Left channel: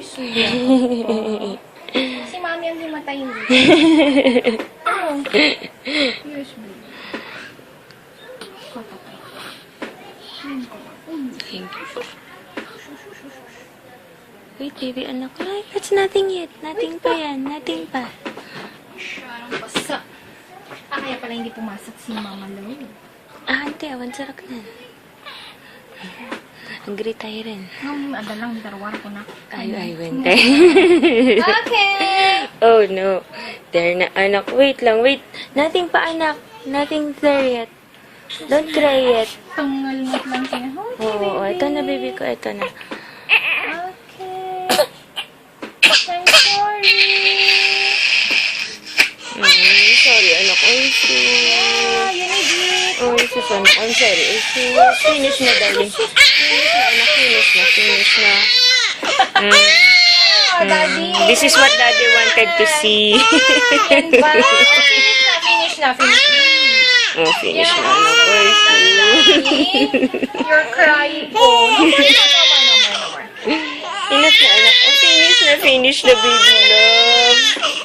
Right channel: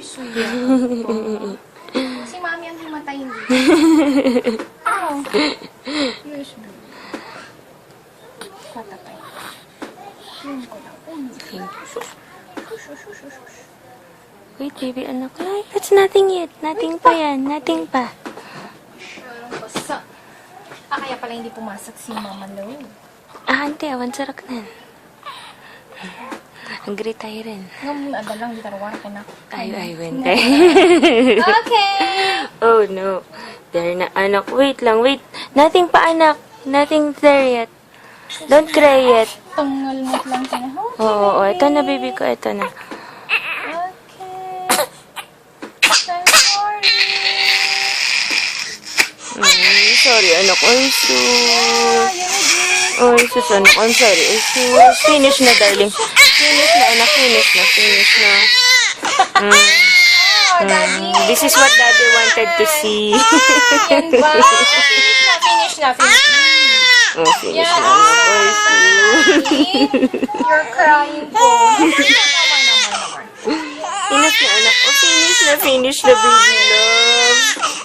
Si Mami ang himatayin dito. Yes, baby. Patapay. Tingin ko lang. Thank you. Wait, baby, anak. Ay, that's nothing yet. Nothing pa yan. Nothing pa. Parang basa. Kaya pala hindi pumasok si Mama Lo. Ante, awan sarak na. Hungry tayo rin. Ada lang, darawan ko na. Ay, wente. Okay! Oh, no. There na, anak. Wait lang, wait. Nothing pa, anak. Nothing there yet. Don't cry yet. Tumalmot lang siya. Oo, ito na, baby ko. Ito na. Okay. I'm sorry. Sorry, anak. I'm sus. Oh, sus, anak. I'm sorry. I'm sus. Finish na, darling. Finish na, anak. Finish na. Finish na. This is what daddy wanted to see. Finish na. Oh, finish na, anak. Oh, sus. You're crying. Finish na, anak. Oh, finish na, baby love.